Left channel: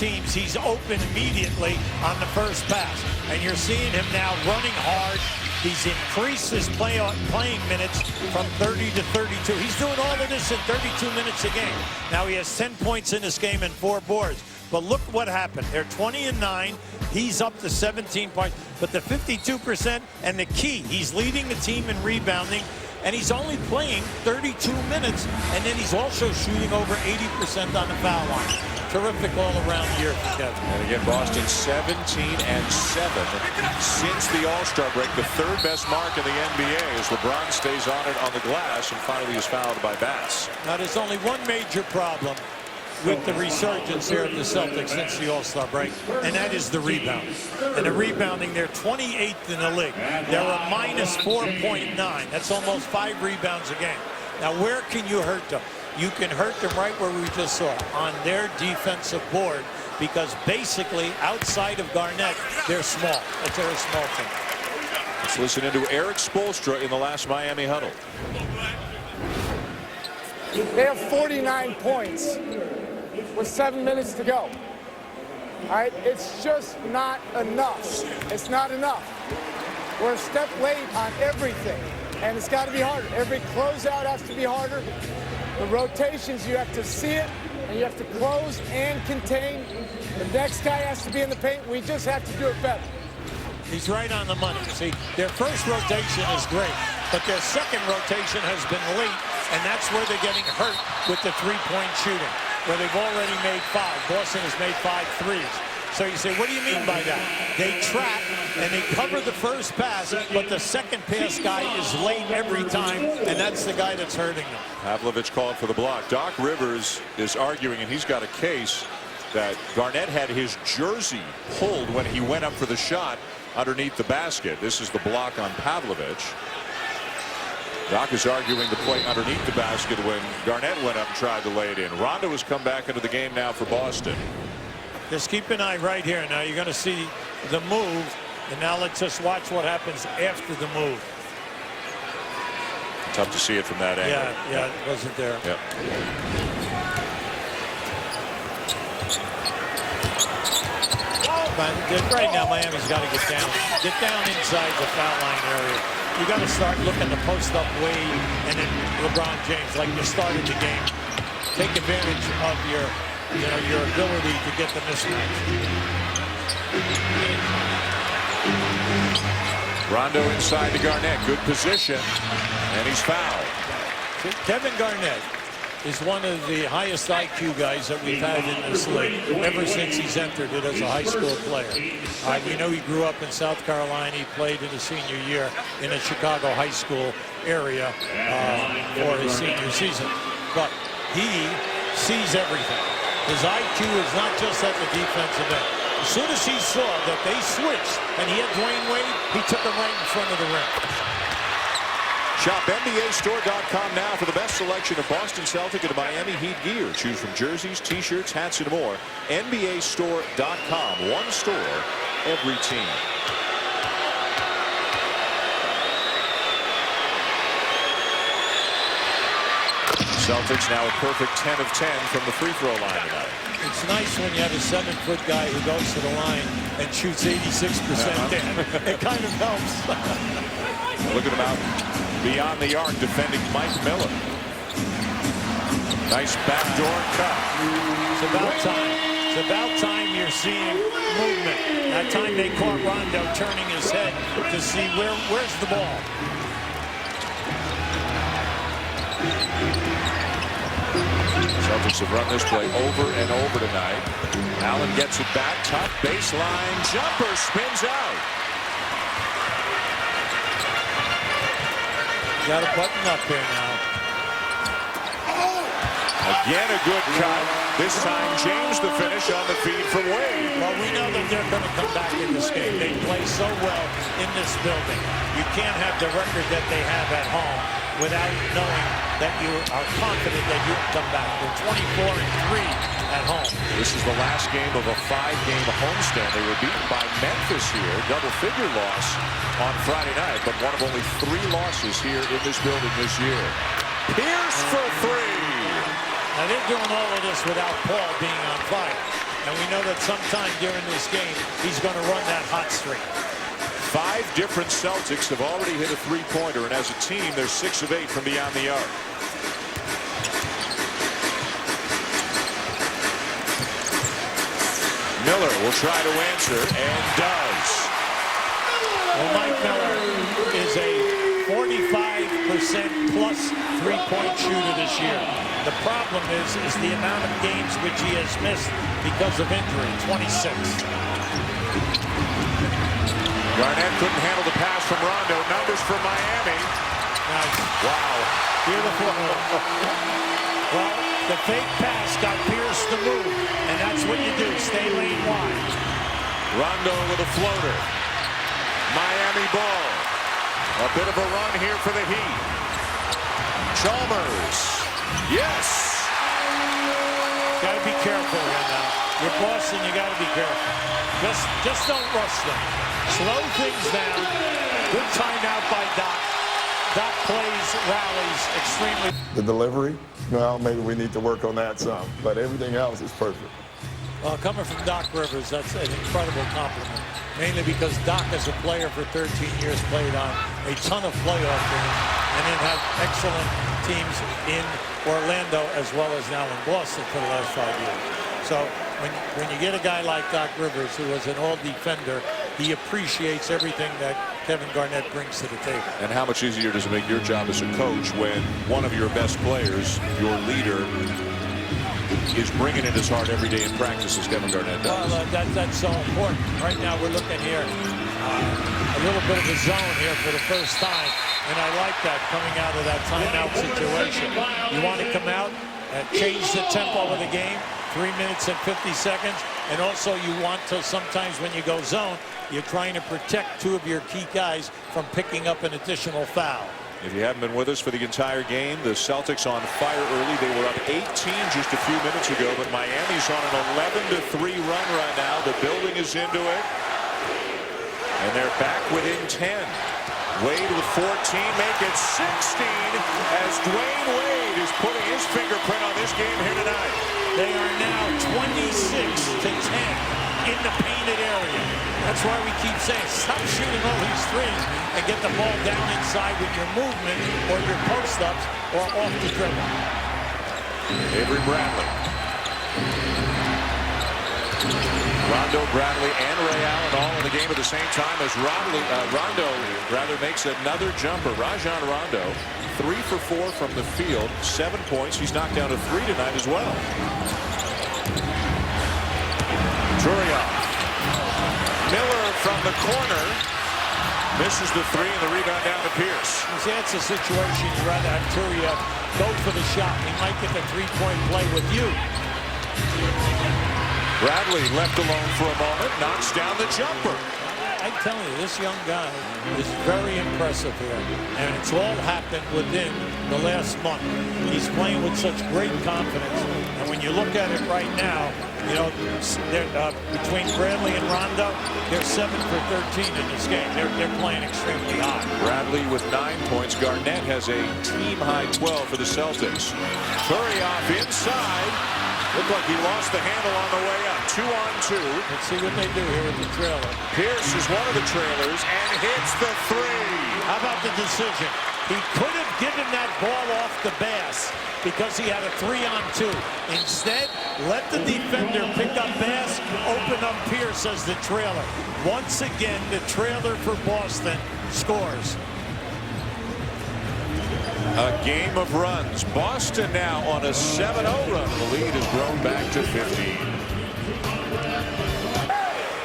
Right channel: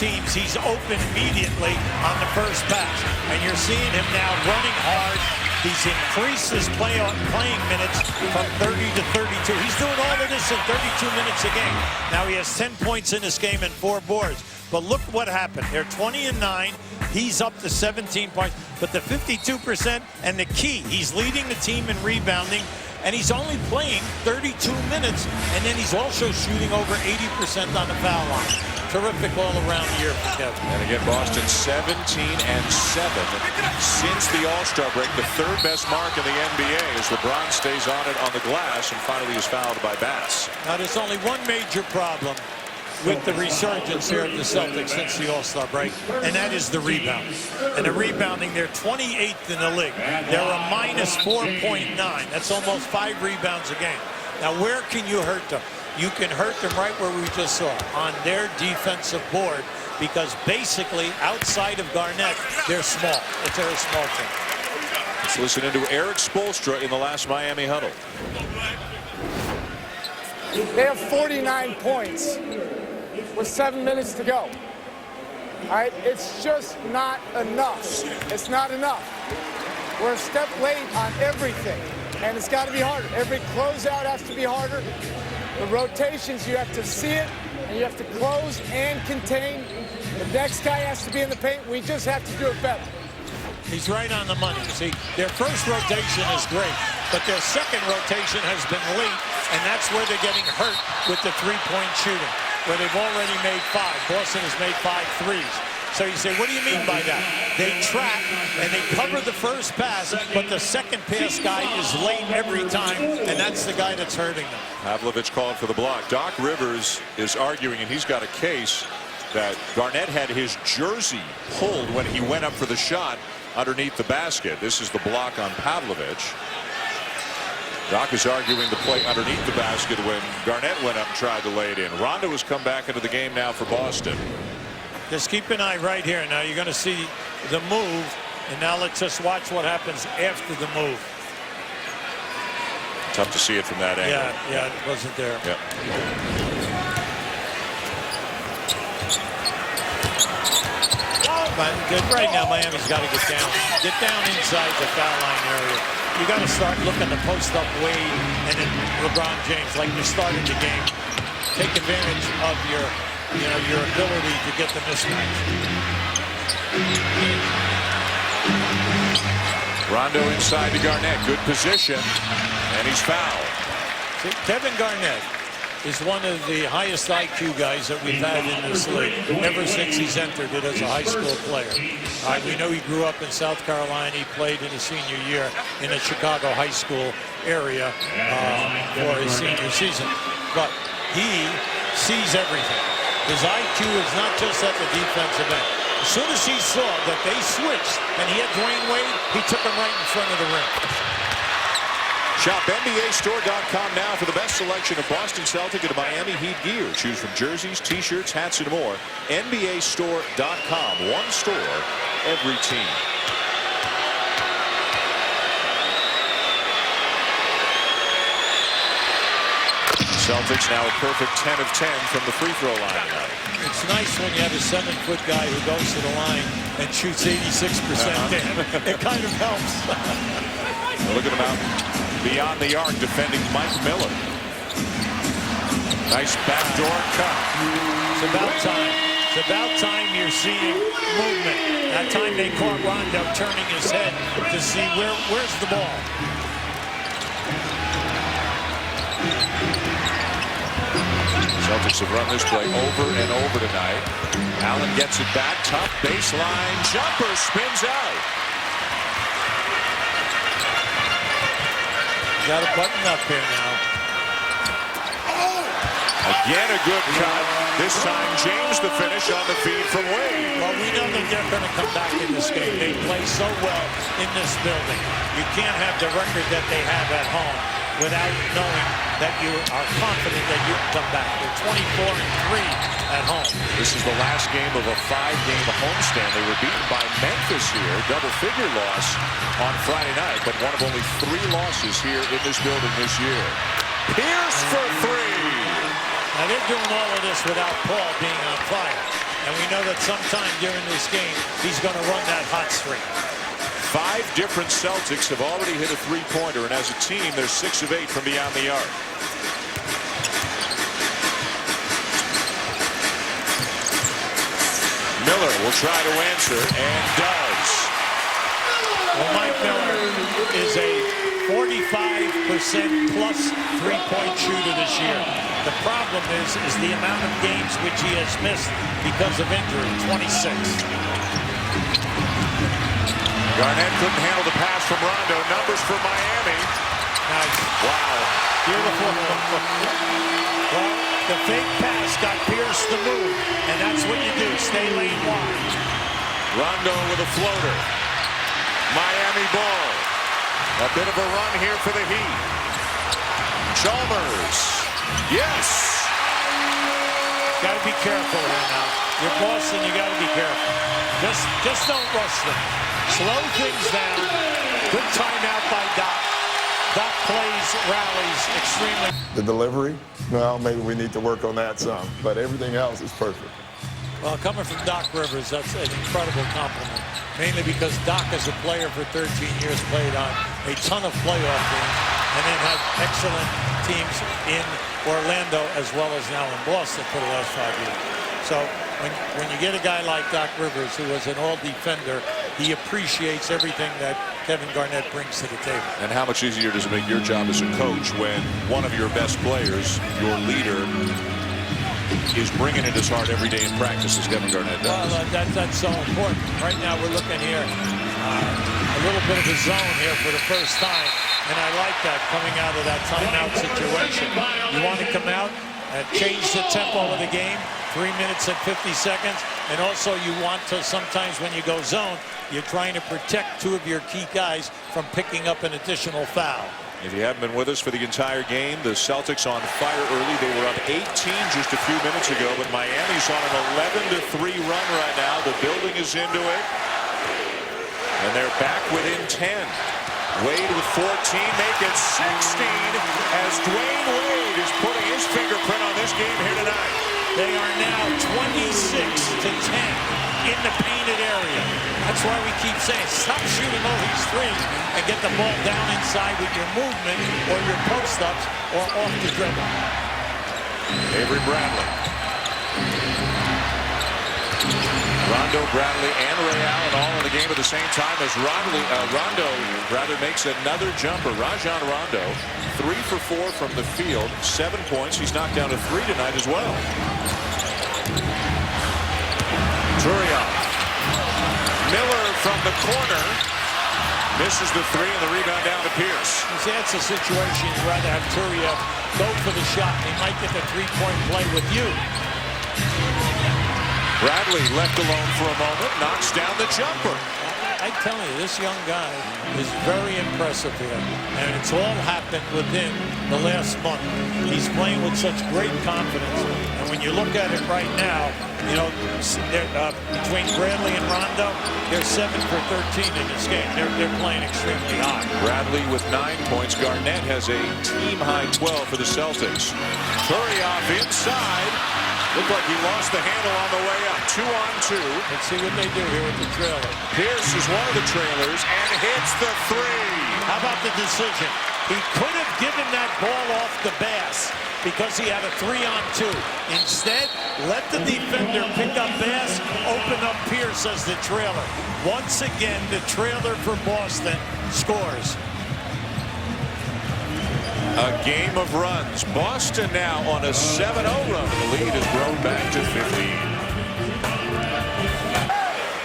teams, he's open immediately on the first pass. And you're seeing him now running hard. He's increased his playing minutes from 30 to 32. He's doing all of this in 32 minutes a game. Now he has 10 points in this game and 4 boards. But look what happened. They're 20-9. He's up to 17 points. But the 52% and the key, he's leading the team in rebounding. And he's only playing 32 minutes. And then he's also shooting over 80% on the foul line. Terrific all-around year for Kevin. And again, Boston 17-7 since the All-Star break. The third best mark in the NBA as LeBron stays on it on the glass and finally is fouled by Bass. Now there's only one major problem with the resurgence here of the Celtics since the All-Star break, and that is the rebounding. And the rebounding, they're 28th in the league. They're a minus 4.9. That's almost 5 rebounds a game. Now where can you hurt them? You can hurt them right where we just saw, on their defensive board, because basically outside of Garnett, they're small. They're a small team. Let's listen into Eric Spoelstra in the last Miami huddle. They have 49 points with 7 minutes to go. All right, it's just not enough. It's not enough. We're a step late on everything, and it's got to be harder. Every closeout has to be harder. The rotations, you have to see it, and you have to close and contain. The next guy has to be in the paint. We just have to do it better. He's right on the money. See, their first rotation is great, but their second rotation has been late, and that's where they're getting hurt with the three-point shooting, where they've already made 5. Boston has made 5 threes. So you say, what do you mean by that? They trap and they cover the first pass, but the second pass guy is late every time, and that's the guy that's hurting them. Pavlovich called for the block. Doc Rivers is arguing, and he's got a case, that Garnett had his jersey pulled when he went up for the shot underneath the basket. This is the block on Pavlovich. Doc is arguing the play underneath the basket when Garnett went up and tried to lay it in. Rondo has come back into the game now for Boston. Just keep an eye right here. Now you're going to see the move, and now let's just watch what happens after the move. Tough to see it from that angle. Yeah, it wasn't there. Yep. But right now, Miami's got to get down inside the foul line area. You got to start looking to post up Wade and then LeBron James like you started the game. Take advantage of your ability to get the mismatch. Rondo inside to Garnett. Good position, and he's fouled. See, Kevin Garnett is one of the highest IQ guys that we've had in this league ever since he's entered it as a high school player. We know he grew up in South Carolina. He played in his senior year in a Chicago high school area for his senior season. But he sees everything. His IQ is not just at the defensive end. As soon as he saw that they switched and he had Dwayne Wade, he took him right in front of the rim. Shop NBAstore.com now for the best selection of Boston Celtic and Miami Heat gear. Choose from jerseys, t-shirts, hats, and more. NBAstore.com. One store, every team. Celtics now a perfect 10 of 10 from the free throw line tonight. It's nice when you have a 7-foot guy who goes to the line and shoots 86% in. It kind of helps. Look at him out beyond the arc defending Mike Miller. Nice backdoor cut. It's about time. It's about time you're seeing movement. That time they caught Rondo turning his head to see where's the ball. Celtics have run this play over and over tonight. Allen gets it back. Tough baseline jumper, spins out. Got to button up here now. Again a good cut. This time James the finish on the feed from Wade. Well, we know that they're going to come back in this game. They play so well in this building. You can't have the record that they have at home without knowing that you are confident that you can come back. They're 24-3 at home. This is the last game of a 5-game homestand. They were beaten by Memphis here. Double-figure loss on Friday night, but one of only 3 losses here in this building this year. Pierce for 3. Now they're doing all of this without Paul being on fire. And we know that sometime during this game, he's going to run that hot streak. 5 different Celtics have already hit a three-pointer, and as a team, they're 6 of 8 from beyond the arc. Miller will try to answer and does. Well, Mike Miller is a 45% plus three-point shooter this year. The problem is the amount of games which he has missed because of injury, 26. Garnett couldn't handle the pass from Rondo. Numbers for Miami. Nice. Wow. Beautiful move. Well, the fake pass got Pierce to move, and that's what you do. Stay lane wide. Rondo with a floater. Miami ball. A bit of a run here for the Heat. Chalmers. Yes. Got to be careful here now. You're Boston, you got to be careful. Just don't rush them. Slow things down. Good timeout by Doc. Doc plays, rallies extremely. The delivery, well, maybe we need to work on that some, but everything else is perfect. Well, coming from Doc Rivers, that's an incredible compliment. Mainly because Doc, as a player for 13 years, played on a ton of playoff teams and then had excellent teams in Orlando as well as now in Boston for the last 5 years. So when you get a guy like Doc Rivers, who was an all-defender, he appreciates everything that Kevin Garnett brings to the table. And how much easier does it make your job as a coach when one of your best players, your leader, is bringing it as hard every day in practice as Kevin Garnett does? Well, that's so important. Right now we're looking here, a little bit of a zone here for the first time, and I like that coming out of that timeout situation. You want to come out and change the tempo of the game, 3 minutes and 50 seconds, and also you want to, sometimes when you go zone, you're trying to protect 2 of your key guys from picking up an additional foul. If you haven't been with us for the entire game, the Celtics on fire early. They were up 18 just a few minutes ago, but Miami's on an 11-3 run right now. The building is into it, and they're back within 10. Wade with 14, make it 16 as Dwayne Wade is putting his fingerprint on this game here tonight. They are now 26-10 in the painted area. That's why we keep saying stop shooting all these threes and get the ball down inside with your movement or your post-ups or off the dribble. Avery Bradley. Rondo, Bradley, and Ray Allen all in the game at the same time as Rondo makes another jumper. Rajon Rondo, 3 for 4 from the field, 7 points. He's knocked down a 3 tonight as well. Turiaf. Miller from the corner misses the 3 and the rebound down to Pierce. You see, that's a situation you'd rather have Turiaf go for the shot. He might get the three-point play with you. Bradley left alone for a moment, knocks down the jumper. I'm telling you, this young guy is very impressive here, and it's all happened within the last month. He's playing with such great confidence, and when you look at it right now, you know, between Bradley and Rondo, they're 7 for 13 in this game. They're playing extremely high. Bradley with 9 points. Garnett has a team-high 12 for the Celtics. Turiaf inside. Looked like he lost the handle on the way up. 2-on-2. Let's see what they do here with the trailer. Pierce is one of the trailers and hits the 3. How about the decision? He could have given that ball off to Bass because he had a 3-on-2. Instead, let the defender pick up Bass, open up Pierce as the trailer. Once again, the trailer for Boston scores. A game of runs. Boston now on a 7-0 run, and the lead has grown back to 15.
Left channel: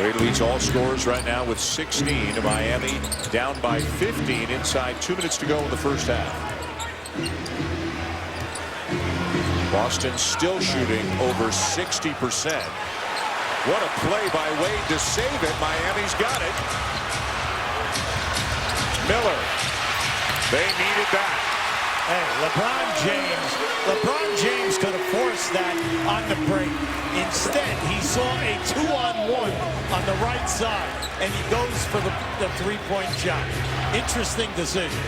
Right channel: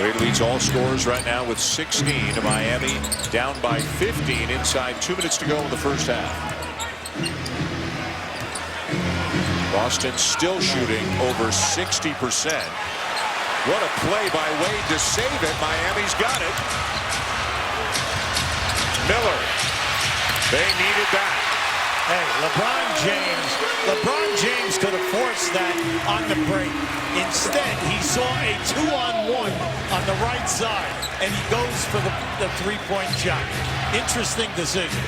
Wade leads all scorers right now with 16. Miami down by 15 inside 2 minutes to go in the first half. Boston still shooting over 60%. What a play by Wade to save it. Miami's got it. Miller. They needed that. Hey, LeBron James could have forced that on the break. Instead, he saw a 2-on-1 on the right side, and he goes for the three-point shot. Interesting decision.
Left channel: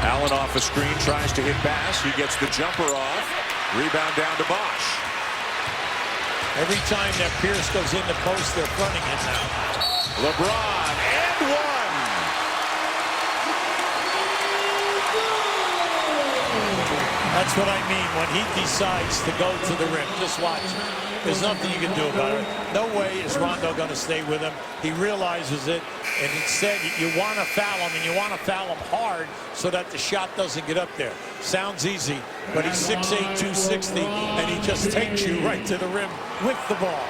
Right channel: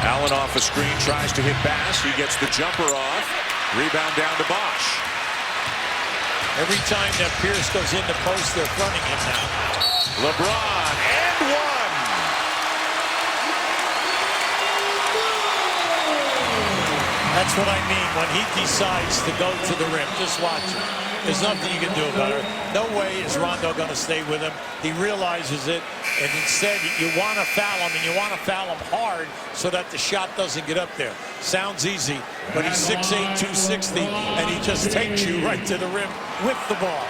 Allen off a screen, tries to hit Bass. He gets the jumper off. Rebound down to Bosch. Every time that Pierce goes in the post, they're fronting him now. LeBron and one. That's what I mean when he decides to go to the rim. Just watch him. There's nothing you can do about it. No way is Rondo going to stay with him. He realizes it, and instead you want to foul him, and you want to foul him hard so that the shot doesn't get up there. Sounds easy, but he's 6'8", 260, and he just takes you right to the rim with the ball.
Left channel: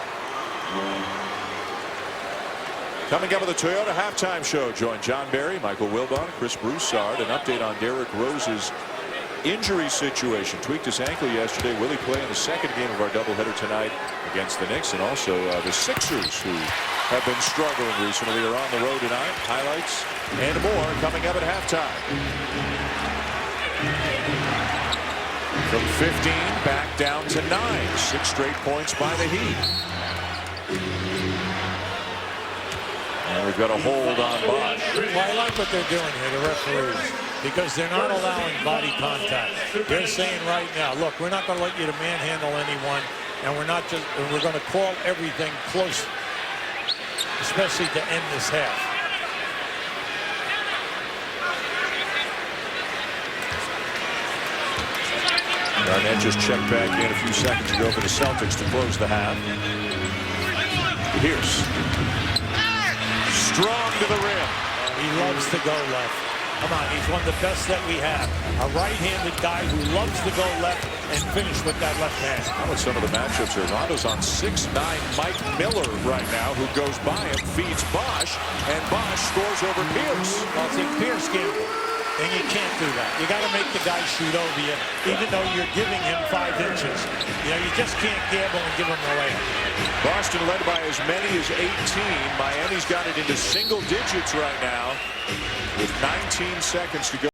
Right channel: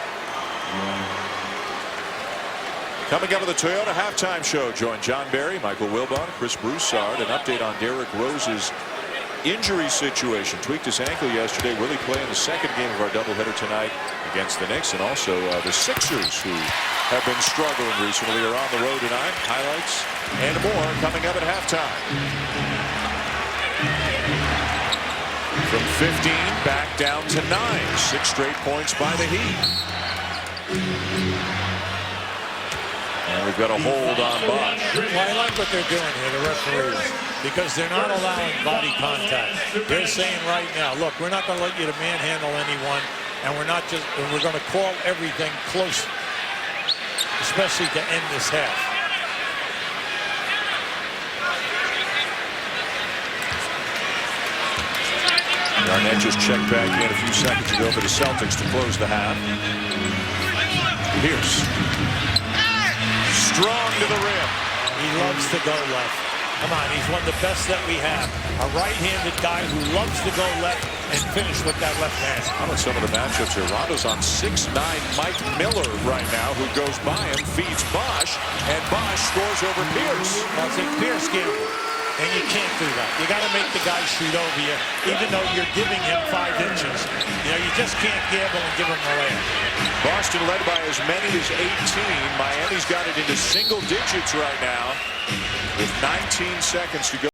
Coming up with the Toyota halftime show, join John Barry, Michael Wilbon, Chris Broussard. An update on Derrick Rose's injury situation. Tweaked his ankle yesterday. Will he play in the second game of our doubleheader tonight against the Knicks? And also the Sixers, who have been struggling recently, are on the road tonight. Highlights and more coming up at halftime. From 15 back down to 9. 6 straight points by the Heat. And we've got a hold on Bosh. Well, I like what they're doing here, the referees, because they're not allowing body contact. They're saying right now, look, we're not going to let you to manhandle anyone, and we're going to call everything close, especially to end this half. Garnett just checked back in a few seconds ago for the Celtics to close the half. Pierce. Strong to the rim. He loves to go left. Come on, he's one of the best that we have. A right-handed guy who loves to go left and finish with that left hand. How about some of the matchups here? Rondo's on 6'9" Mike Miller right now, who goes by him, feeds Bosh, and Bosh scores over Pierce. Well, it's a Pierce gamble, and you can't do that. You got to make the guy shoot over you, even though you're giving him 5 inches. You know, you just can't gamble and give him the layup. Boston led by as many as 18. Miami's got it into single digits right now with 19 seconds to go.